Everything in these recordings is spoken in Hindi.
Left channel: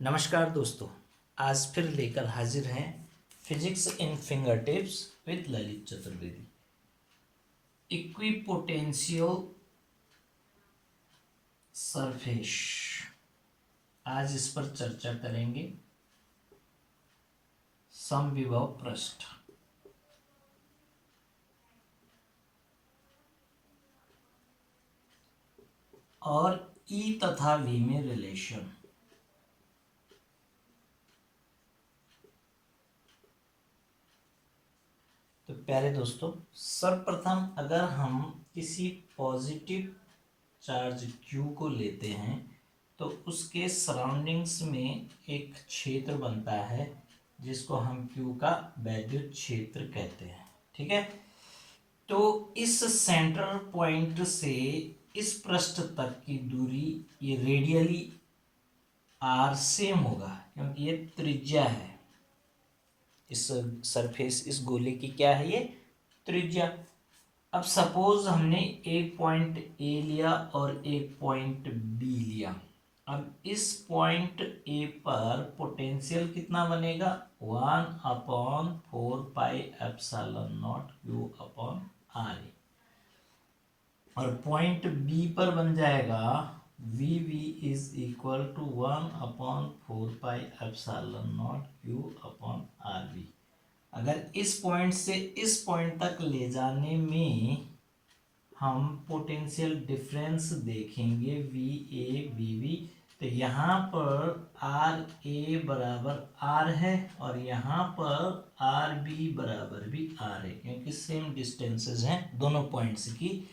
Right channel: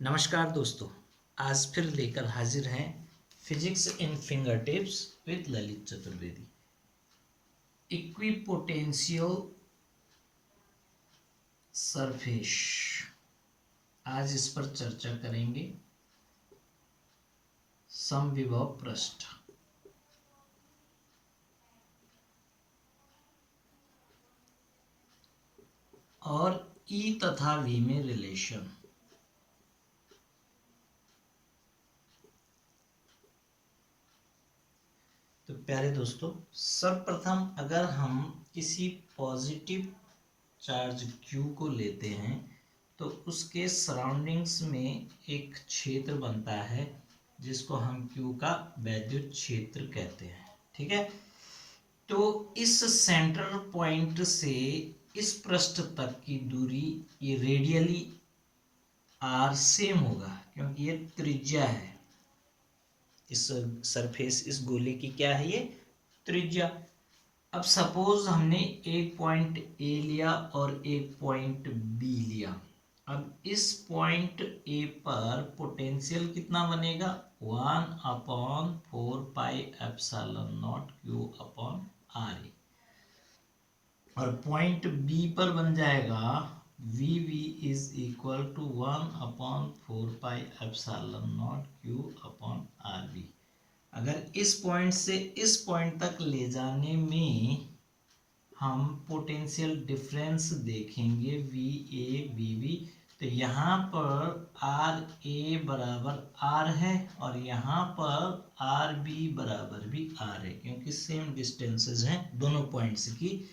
नमस्कार दोस्तों, आज फिर लेकर हाजिर हैं physics in finger tips with Lalit Chaturvedi. Equipotential surface, आज इस पर चर्चा करेंगे। समविभव पृष्ठ और E तथा V में रिलेशन। तो प्यारे दोस्तों, सर्वप्रथम अगर हम किसी पॉजिटिव चार्ज Q को लेते हैं तो उसके सराउंडिंग्स में एक क्षेत्र बनता है जिसको हम Q का वैद्युत क्षेत्र कहते हैं। ठीक है, तो इस सेंटर पॉइंट से इस पृष्ठ तक की दूरी ये रेडियली R सेम होगा क्योंकि ये त्रिज्या है। इस सरफेस, इस गोले की क्या है, ये त्रिज्या। अब सपोज हमने एक पॉइंट ए लिया और एक पॉइंट बी लिया। अब इस पॉइंट ए पर पोटेंशियल कितना बनेगा, 1/4πε0 Q/r। और पॉइंट बी पर बन जाएगा VV is equal to 1/4πε0 Q/rv। अगर इस पॉइंट से इस पॉइंट तक ले जाने में हम पोटेंशियल डिफरेंस देखेंगे VA/VB, तो यहाँ पर RA बराबर R है और यहाँ पर RB बराबर भी R है क्योंकि सेम डिस्टेंसेस हैं दोनों पॉइंट्स की।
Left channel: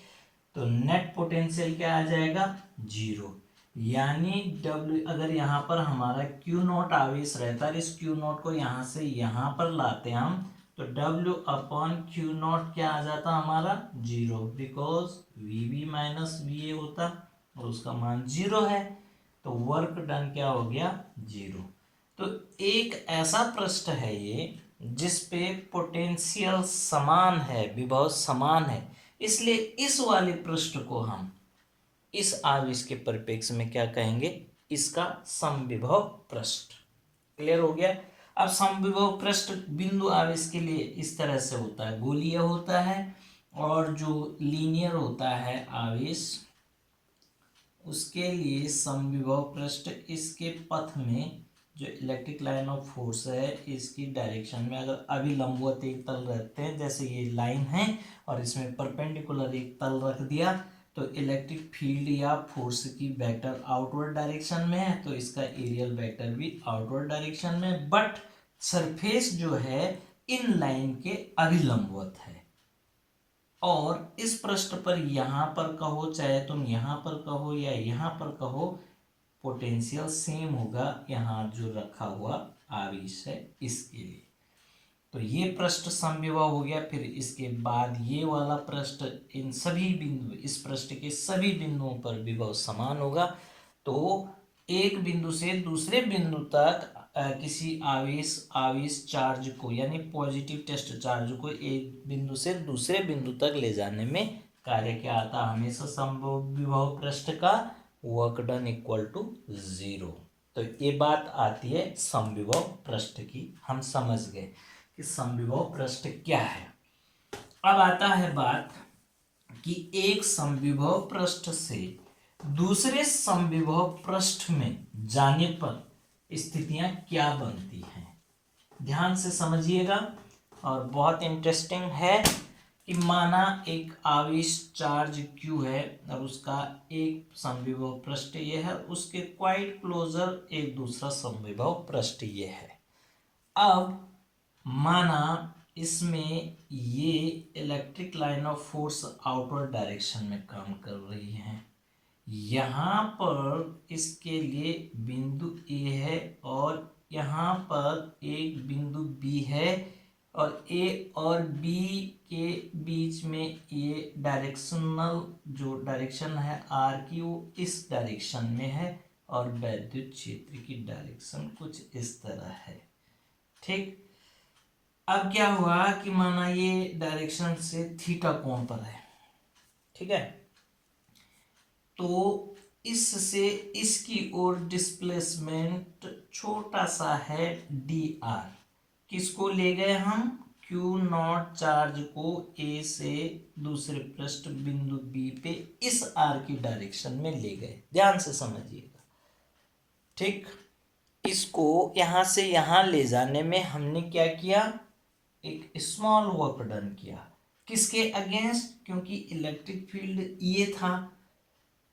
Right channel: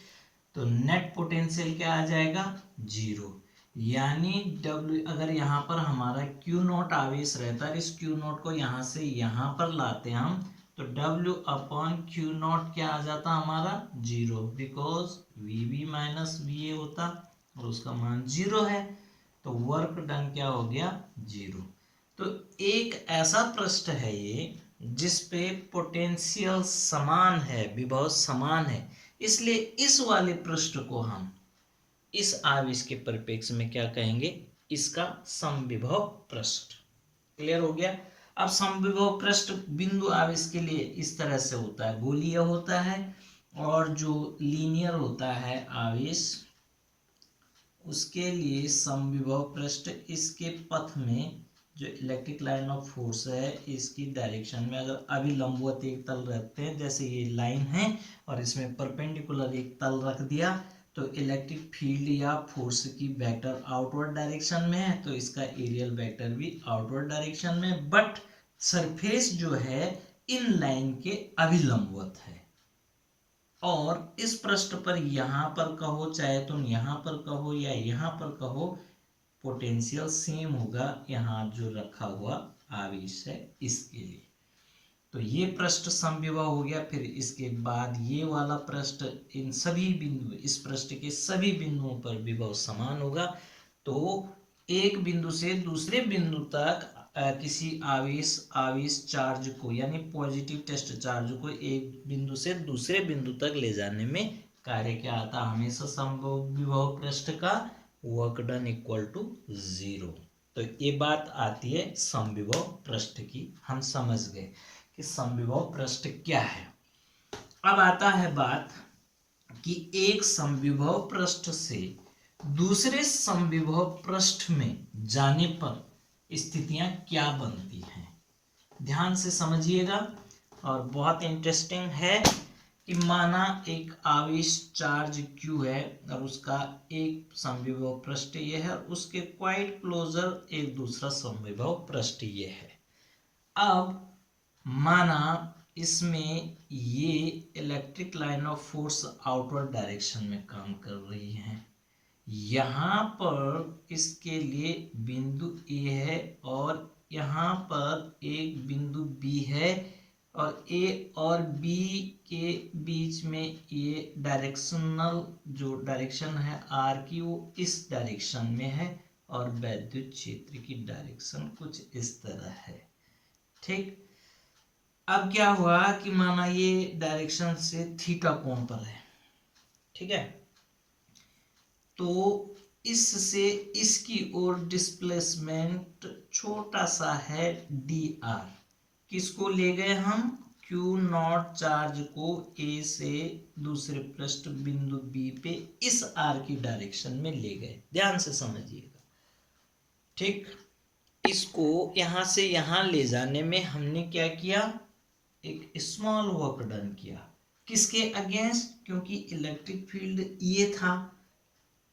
तो नेट पोटेंशियल क्या आ जाएगा, 0। यानी W, अगर यहाँ पर हमारा Q0 आवेश रहता है, इस Q0 को यहाँ से यहाँ पर लाते हम तो W/Q0 क्या आ जाता हमारा, 0, बिकॉज VB माइनस VA होता और उसका मान 0 है। तो वर्क डन क्या हो गया, 0। तो एक ऐसा पृष्ठ है ये जिस पे पोटेंशियल समान है, विभव समान है, इसलिए इस वाले पृष्ठ को हम इस आवेश के परिप्रेक्ष्य में क्या कहेंगे, इसका समविभव पृष्ठ। क्लियर हो गया। अब समविभव पृष्ठ बिंदु आवेश के लिए इस तरह से होता है, गोलीय होता है, और जो लीनियर होता है आवेश उसके लिए समविभव पृष्ठ इसके पथ में जो इलेक्ट्रिक लाइन ऑफ फोर्स है इसकी डायरेक्शन में अगर अभिलंबवत एक तल रहते हैं, जैसे ये लाइन है और इसमें परपेंडिकुलर एक तल रख दिया, तो इलेक्ट्रिक फील्ड या फोर्स की वेक्टर आउटवर्ड डायरेक्शन में है, तो इसका एरियल वेक्टर भी आउटवर्ड डायरेक्शन में, बट सरफेस जो है इन लाइन के अभिलंबवत है। और इस पृष्ठ पर यहाँ पर कहो, चाहे तुम यहाँ पर कहो या यहाँ पर कहो, पोटेंशियल सेम होगा यहाँ जो रखा हुआ आवेश है इसके लिए। तो ये पृष्ठ समविभव हो गया। फिर इसके बाद ये वाला पृष्ठ, इन सभी बिंदु, इस पृष्ठ के सभी बिंदुओं पर विभव समान होगा। तो एक बिंदु से दूसरे बिंदु तक किसी आवेश चार्ज को, यानी पॉजिटिव टेस्ट चार्ज को एक बिंदु से दूसरे बिंदु तक ले जाने में कार्य क्या आता, हमेशा समविभव पृष्ठ का वर्क डन इक्वल टू 0। तो ये बात आती है समविभव पृष्ठ की, हम समझ गए कि समविभव पृष्ठ क्या है। अब आता है बात कि एक समविभव पृष्ठ से दूसरे समविभव पृष्ठ में जाने पर स्थितियां क्या बनती हैं। ध्यान से समझिएगा, और बहुत इंटरेस्टिंग है कि माना एक आवेश चार्ज Q है और उसका एक समविभव पृष्ठ ये है, उसके क्वाइट क्लोजर एक दूसरा समविभव पृष्ठ ये है। अब माना इसमें ये electric line of force outward direction में काम कर रही है, यहाँ पर इसके लिए बिंदु A है और यहाँ पर एक बिंदु B है, और A और B के बीच में ये डायरेक्शनल जो डायरेक्शन है R की, वो इस डायरेक्शन में है, और वैद्युत क्षेत्र की डायरेक्शन कुछ इस तरह है। ठीक, अब क्या हुआ कि माना ये डायरेक्शन से थीटा कोण पर है, ठीक है, तो इससे इसकी ओर डिस्प्लेसमेंट छोटा सा है dr। किसको ले गए हम? Q नॉट चार्ज को A से दूसरे पृष्ठ बिंदु B पे इस R की डायरेक्शन में ले गए। ध्यान से समझिएगा, ठीक। इसको यहां से यहां ले जाने में हमने क्या किया? एक स्मॉल वर्क डन किया। किसके अगेंस्ट? क्योंकि इलेक्ट्रिक फील्ड ये था,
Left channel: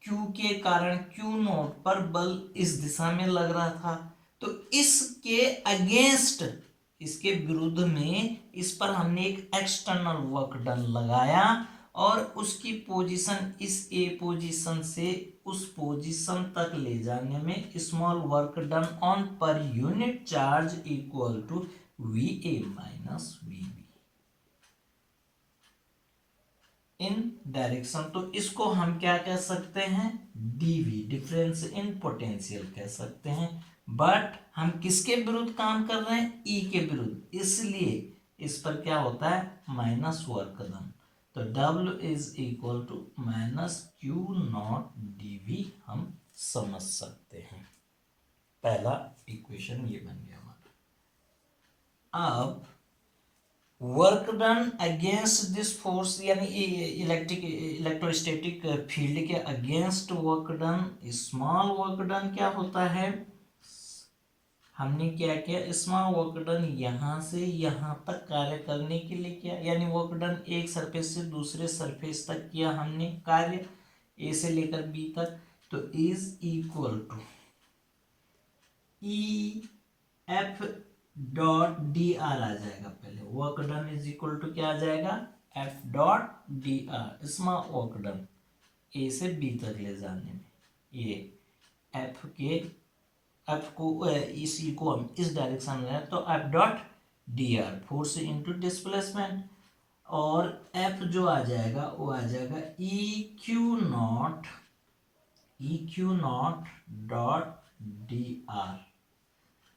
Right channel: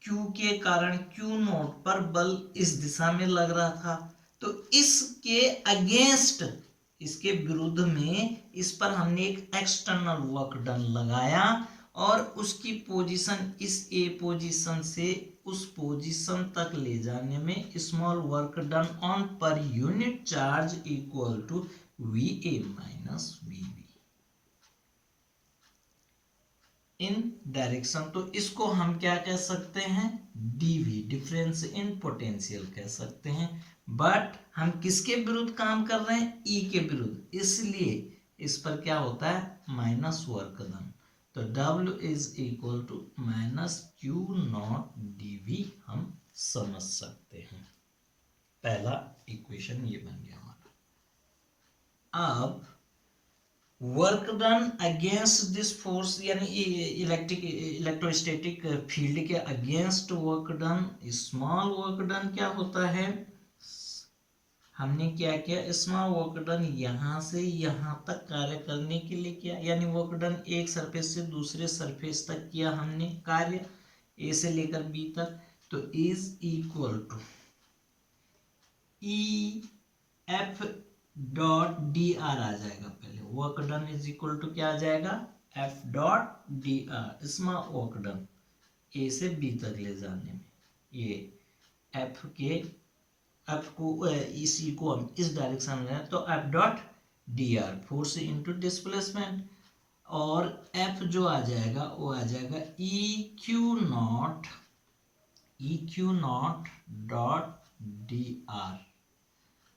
Q के कारण Q नोट पर बल इस दिशा में लग रहा था, तो इसके अगेंस्ट, इसके विरुद्ध में इस पर हमने एक एक्सटर्नल वर्क डन लगाया और उसकी पोजीशन इस ए पोजीशन से उस पोजीशन तक ले जाने में small work done on per unit charge equal to VA minus VB in direction. तो इसको हम क्या कह सकते हैं? डीवी, डिफरेंस इन पोटेंशियल कह सकते हैं। बट हम किसके विरुद्ध काम कर रहे हैं? ई के विरुद्ध, इसलिए इस पर क्या होता है? Minus work done. तो W is equal to minus Q nought dV हम समझ सकते हैं। पहला इक्वेशन ये बन गया हमारा। अब work done against this force, यानी इलेक्ट्रोस्टैटिक फील्ड के against work done, small work done क्या होता है? हमने क्या किया? स्मॉल वर्क डन यहां से यहां तक कार्य करने के लिए किया, यानी वर्क डन एक सरफेस से दूसरे सरफेस तक किया हमने कार्य, ए से लेकर बी तक। तो is equal to E F dot D R आ जाएगा। पहले work done is equal to क्या आ जाएगा? F dot D R, small work done A से बी तक ले जाने में, ये एफ को इसी को हम इस डायरेक्शन में, तो F dot D are force into displacement, और एफ जो आ जाएगा वो आ जाएगा E Q not dot D are.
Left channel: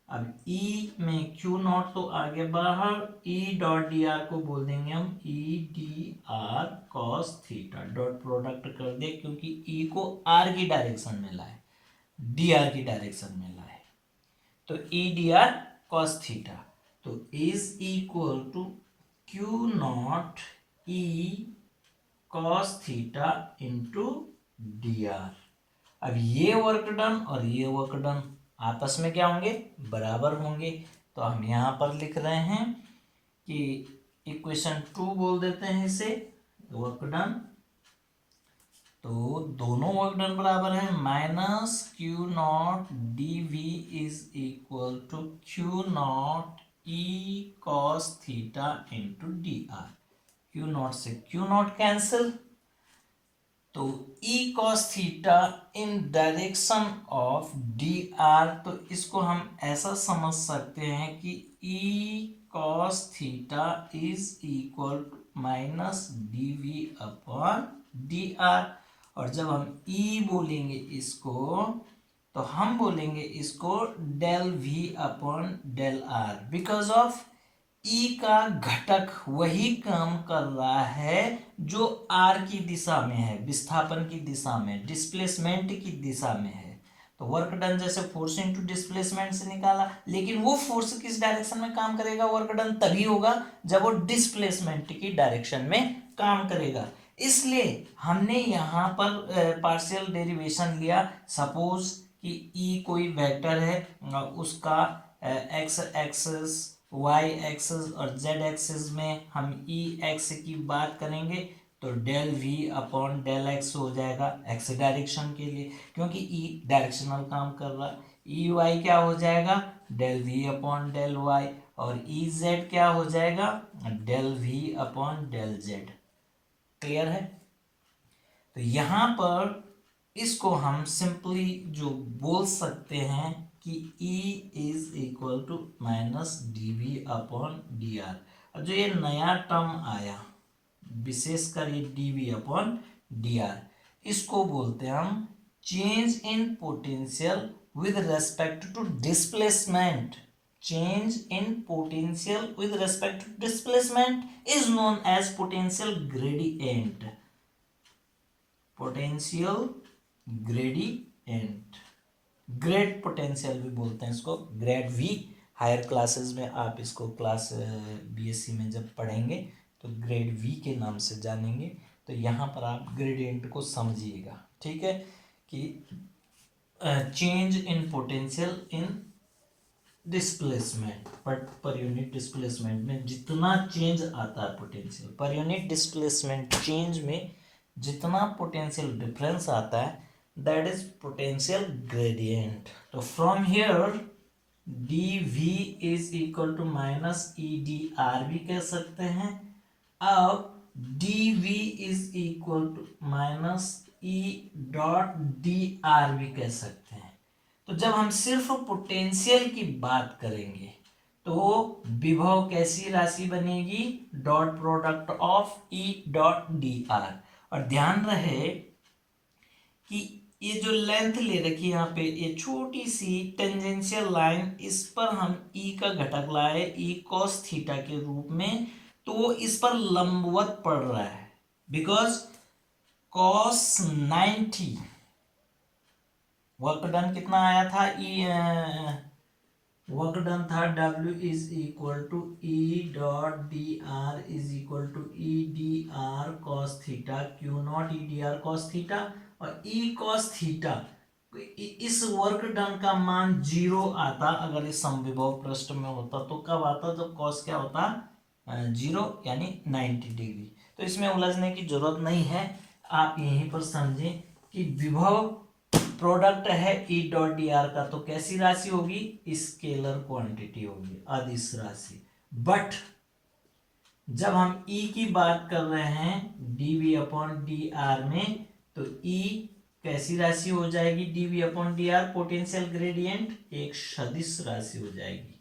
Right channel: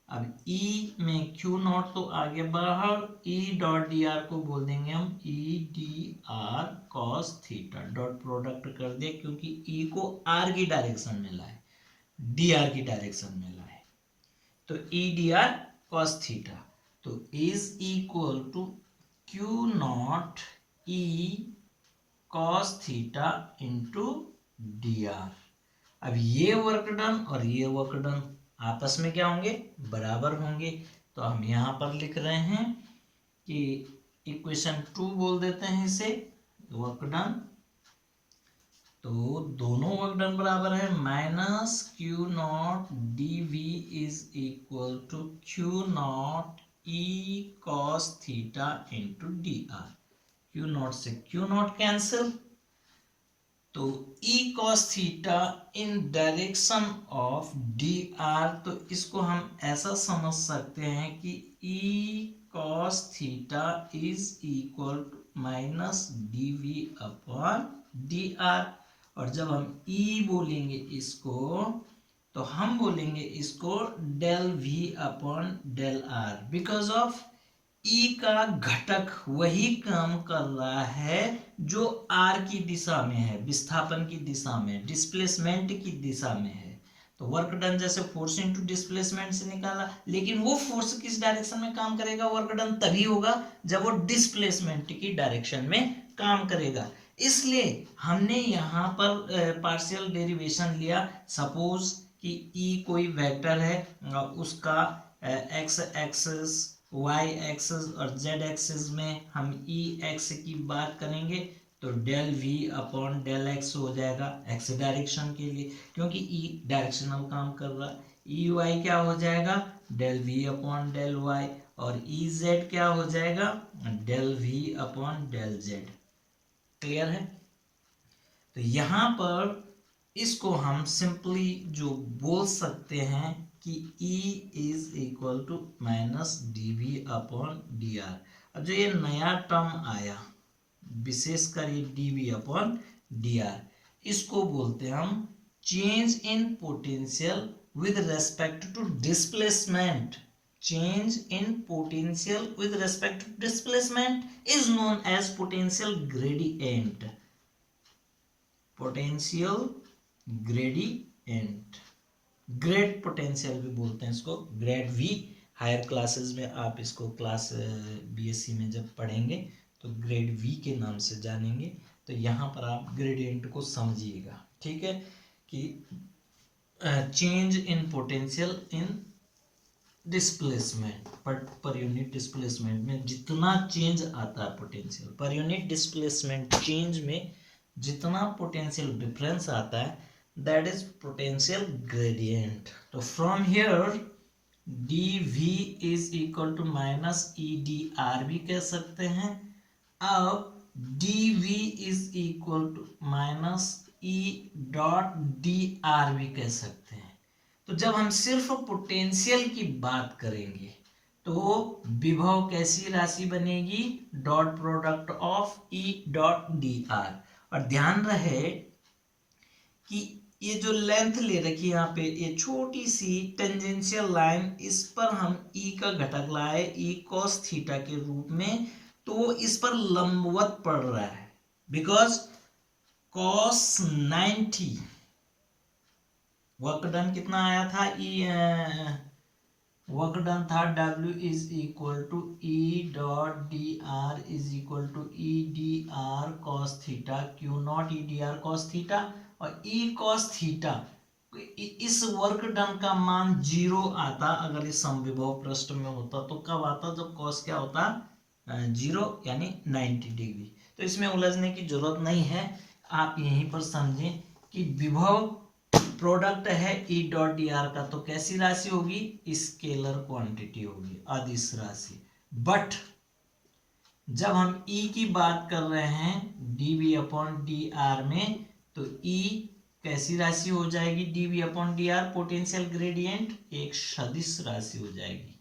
अब E में Q नॉट तो आगे बाहर, E डॉट डी आर को बोल देंगे हम E D R cos theta, dot product कर दे क्योंकि E को R की डायरेक्शन में लाए, डी आर की डायरेक्शन में लाए, तो E D R cos theta. तो is equal to Q nought E cos theta into D are. अब ये वर्क डन और ये वर्क डन आपस में क्या होंगे? बराबर होंगे। तो हम यहाँ पर लिख रहे हैं कि इक्वेशन 2 बोल देते हैं इसे, वर्क डन। तो दोनों वर्क डन बराबर है, minus Q nought dV is equal to Q nought E cos theta into D R. Q nought से Q नॉट कैंसिल, तो E cos theta in direction of D are, तो इसको हम ऐसा समझ सकते हैं कि E cos theta is equal to minus dV upon D R. और जब हम E बोलेंगे इसको, तो हम बोलेंगे इसको del V upon del R, because of E का घटक वही काम कर रहा है जो R की दिशा में है, विस्थापन की दिशा में, डिस्प्लेसमेंट की दिशा में है। तो वर्क डन जैसे फोर्स इनटू डिस्प्लेसमेंट से निकाला, लेकिन वो फोर्स किस डायरेक्शन में काम करेगा? वर्क डन तभी होगा जब वो डिस्प्लेसमेंट की डायरेक्शन में काम करेगा। इसलिए हमने यहाँ पर पार्शियल डेरिवेशन लिया। सपोज कि E कोई वेक्टर है, उसका एक्स एक्सिस, वाई एक्सिस और जेड एक्सिस में हम ई एक्स की बात करेंगे तो del V upon del X हो जाएगा एक्स डायरेक्शन के लिए, क्योंकि ई डायरेक्शनल काम कर रहा है। ई वाई क्या हो जाएगा? Del V upon del Y, और ई जेड क्या हो जाएगा? Del V upon del Z. Clear है? तो यहाँ पर इसको हम सिंपली जो बोल सकते हैं कि E is equal to minus dV upon D R. अब जो ये नया टर्म आया, विशेषकर ये dV अपॉन डी आर, इसको बोलते हैं हम change in potential with respect to displacement. Change in potential with respect to displacement is known as potential gradient. Potential gradient, grad potential भी बोलते हैं इसको, ग्रेड वी। हायर क्लासेस में आप इसको क्लास बीएससी में जब पढ़ेंगे तो ग्रेड वी के नाम से जानेंगे। तो यहाँ पर आप ग्रेडियंट को समझिएगा, ठीक है, कि change in potential in displacement, per unit displacement में जितना चेंज आता है potential, per unit displacement change में जितना पोटेंशियल डिफरेंस आता है, दैट इज पोटेंशियल ग्रेडियंट। तो from here D V is equal to minus E D R भी कह सकते हैं। अब D V is equal to minus E dot D R भी कह सकते हैं। तो जब हम सिर्फ पोटेंशियल की बात करेंगे तो विभव कैसी राशि बनेगी, dot product of E dot D R. और ध्यान रहे कि ये जो लेंथ ले रखी है यहाँ पे, ये छोटी सी टेंजेंशियल लाइन, इस पर हम ई का घटक लाए ई कॉस थीटा के रूप में, तो इस पर लंबवत पड़ रहा है, बिकॉज कॉस 90 वर्क डन कितना आया था, वर्क डन था W is equal to E dot D R is equal to E D R cos theta Q nought E D R cos theta. और ई कॉस थीटा, इस वर्क डन का मान 0 आता अगर इस समविभव पृष्ठ में होता। तो कब आता, जब कॉस क्या होता 0 यानी 90 डिग्री। तो इसमें उलझने की जरूरत नहीं है, आप यहीं पर समझें कि विभव प्रोडक्ट है ई डॉट डी आर का, तो कैसी राशि होगी, स्केलर क्वांटिटी होगी, अदिश राशि। बट जब हम ई की बात कर रहे हैं D V upon D R में, तो ई कैसी राशि हो जाएगी, D V upon D R potential gradient, एक सदिश राशि हो जाएगी।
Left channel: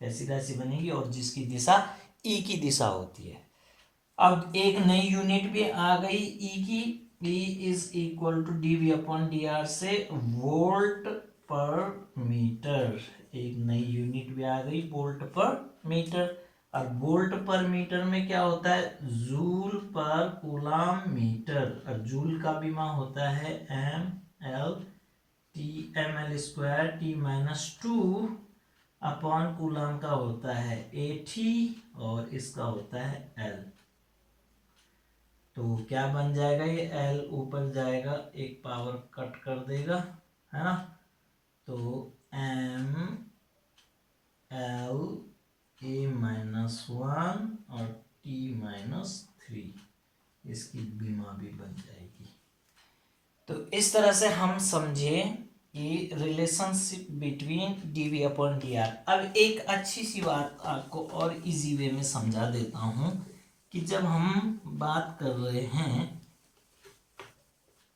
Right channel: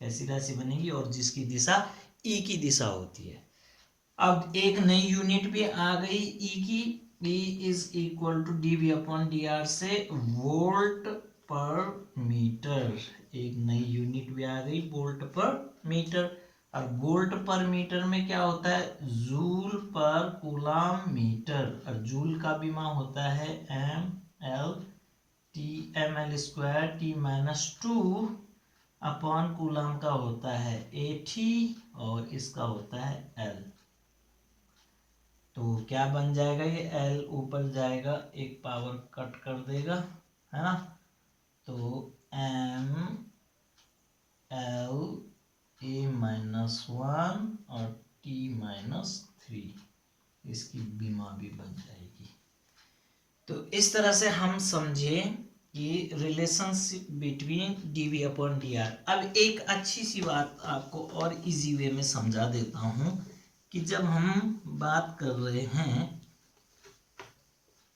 कैसी राशि बनेगी, और जिसकी दिशा ई की दिशा होती है। अब एक नई यूनिट भी आ गई ई की, E is equal to D V upon D R से वोल्ट पर मीटर। एक नई यूनिट भी आ गई, वोल्ट पर मीटर। और वोल्ट पर मीटर में क्या होता है, जूल पर कूलाम मीटर। और जूल का भी मान होता है M L T, M L square T minus 2 upon coulomb का होता है 80 और इसका होता है एल। तो क्या बन जाएगा, ये एल ऊपर जाएगा, एक पावर कट कर देगा, है ना। तो एम एल ए माइनस 1 और टी माइनस 3, इसकी बीमा भी बन जाएगी। तो इस तरह से हम समझे कि relationship between d V upon D R. अब एक अच्छी सी बात आपको और इजी वे में समझा देता हूँ कि जब हम बात कर रहे हैं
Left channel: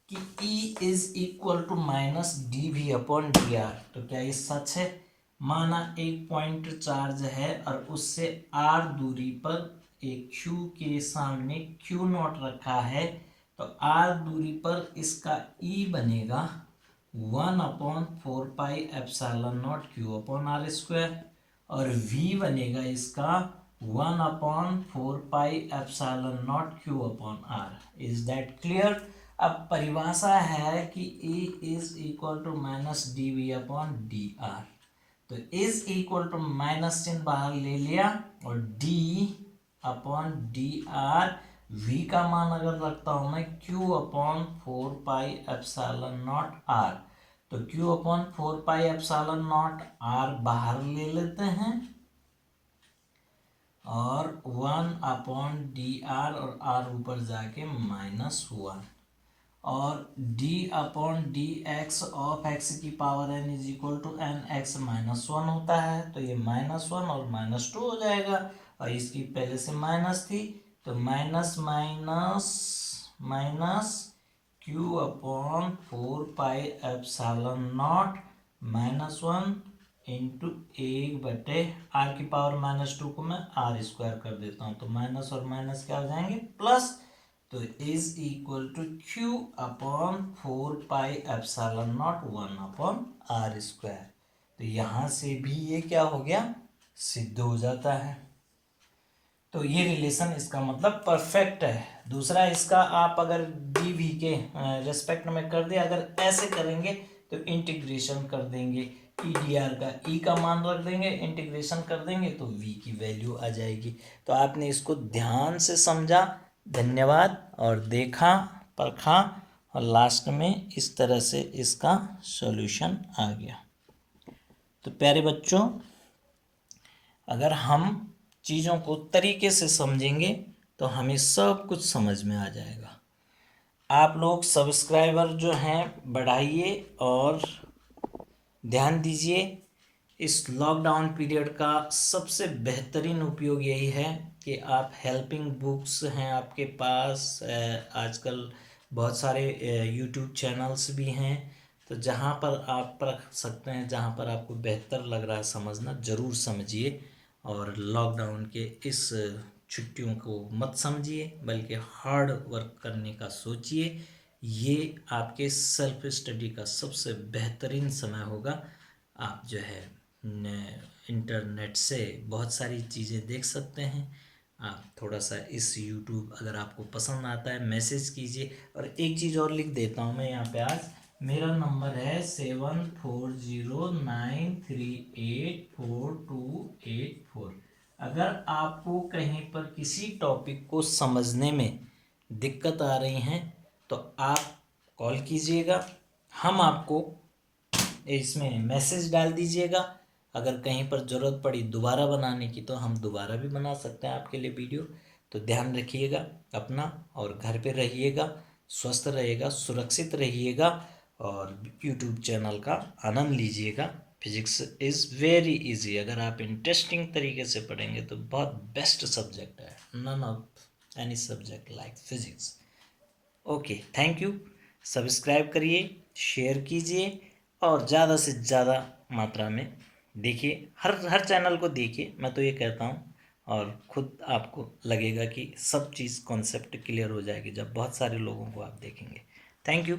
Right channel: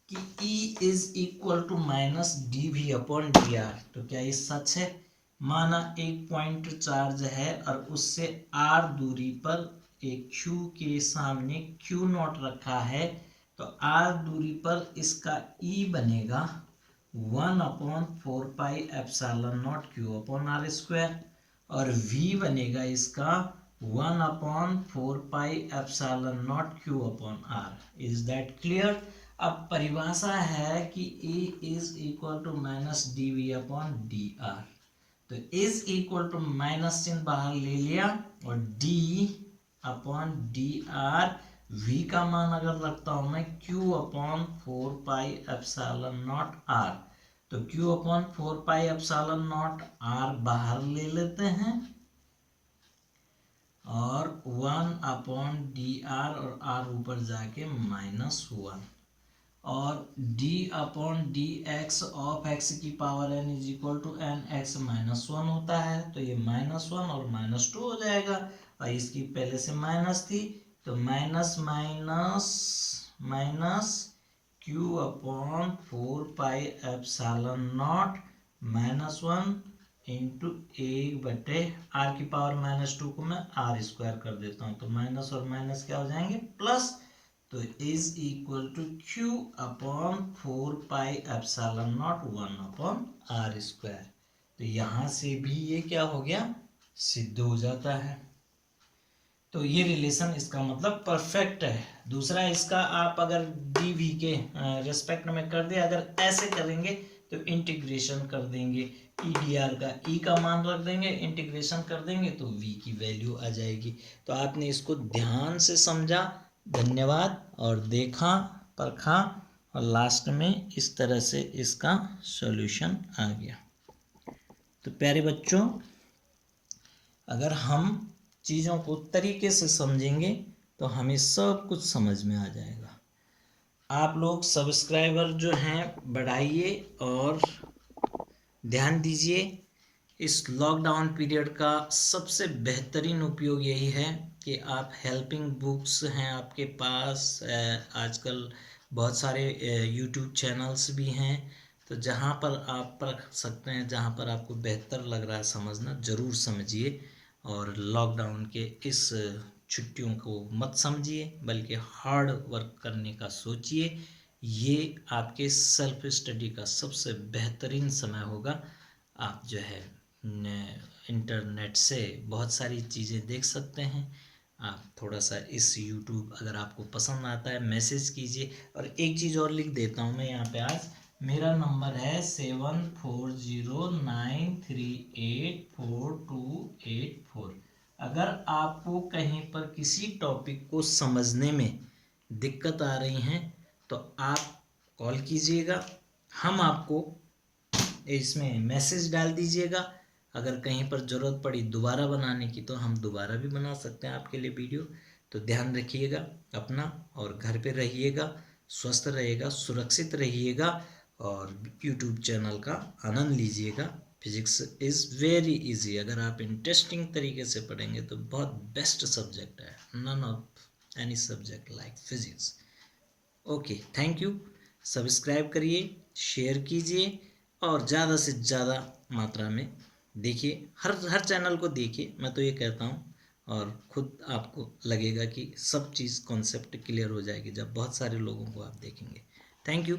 कि E is equal to minus d V upon D R, तो क्या ये सच है। माना एक पॉइंट चार्ज है और उससे R दूरी पर एक Q के सामने Q नॉट रखा है, तो R दूरी पर इसका E बनेगा 1/4πε0 Q अपॉन आर स्क्वायर, और V बनेगा इसका 1/4πε0 Q upon r. Is that clear. अब परिभाषा है कि E is equal to minus d V upon D R. तो इज इक्वल टू माइनस चिन्ह बाहर ले लिया और d upon D r, v का मान अगर रखता हूं मैं q अपॉन 4πε0 r, तो q अपॉन 4πε0 r बाहर ले लेते हैं और 1 अपॉन डी आर और r ऊपर जाके -1, और d upon d x of x की power n is equal to n x minus 1 होता है, तो ये -1 और -2 हो जाएगा। और इसकी पहले से माइनस थी, तो minus minus minus q upon 4πε0 -1 into 1/r की पावर -2 को मैं r स्क्वायर कर देता हूँ, तो माइनस और माइनस क्या हो जाएंगे, प्लस। तो is equal to q upon 4πε0 1 upon are square. तो यहाँ से भी ये क्या हो गया, सिद्ध हो जाता है। तो ये रिलेशन इसका मतलब परफेक्ट है। दूसरा इसका आप अगर डी वी के रेस्पेक्ट में कर दिया, अगर ऐसे करेंगे तो इंटीग्रेशन कर देंगे, ई डी आर का ई का मान रख देंगे, इंटीग्रेशन कर देंगे तो वी की वैल्यू आ जाएगी। तो आपने इसको ध्यान से समझा, धन्यवाद, और देखा, परखा, और लास्ट में इस तरह से इसका सॉल्यूशन आ गया। तो प्यारे बच्चों, अगर हम चीज़ों को तरीके से समझेंगे तो हमें सब कुछ समझ में आ जाएगा। आप लोग सब्सक्राइबर जो हैं बढ़ाइए और ध्यान दीजिए। इस लॉकडाउन पीरियड का सबसे बेहतरीन उपयोग यही है कि आप हेल्पिंग बुक्स हैं आपके पास, आजकल बहुत सारे यूट्यूब चैनल्स भी हैं, तो जहाँ पर आप पढ़ सकते हैं, जहाँ पर आपको बेहतर लग रहा है समझना, ज़रूर समझिए। और लॉकडाउन के इस छुट्टियों को मत समझिए, बल्कि हार्ड वर्क करने का सोचिए। ये आपके सेल्फ स्टडी का सबसे बेहतरीन समय होगा। आप जो है इंटरनेट से बहुत सारी चीज़ें देख सकते हैं। आप थोड़ा सा इस यूट्यूब अगर आपको पसंद आता है मैसेज कीजिए। और एक चीज़ और लिख देता हूँ मैं यहाँ पे आज, मेरा नंबर है 7409384284। अगर आपको कहीं पर किसी टॉपिक को समझने में दिक्कत आ रही हैं तो आप कॉल कीजिएगा, हम आपको इसमें मैसेज डाल दीजिएगा। अगर कहीं पर ज़रूरत पड़ी दोबारा बनाने की तो हम दोबारा भी बना सकते हैं आपके लिए वीडियो। तो ध्यान रखिएगा अपना, और घर पे रहिएगा, स्वस्थ रहिएगा, सुरक्षित रहिएगा, और यूट्यूब चैनल का आनंद लीजिएगा। फिजिक्स इज़ वेरी इजी, अगर आप इंटरेस्टिंग तरीके से पढ़ेंगे तो बहुत बेस्ट सब्जेक्ट है, none of any subject like physics. Okay, thank you. Subscribe करिए, शेयर कीजिए, और ज़्यादा से ज़्यादा मात्रा में देखिए, हर चैनल को देखिए, मैं तो ये कहता हूँ। और ख़ुद आपको लगेगा कि सब चीज़ कॉन्सेप्ट क्लियर हो जाएगी जब बहुत सारे लोगों को आप देखेंगे। Thank you.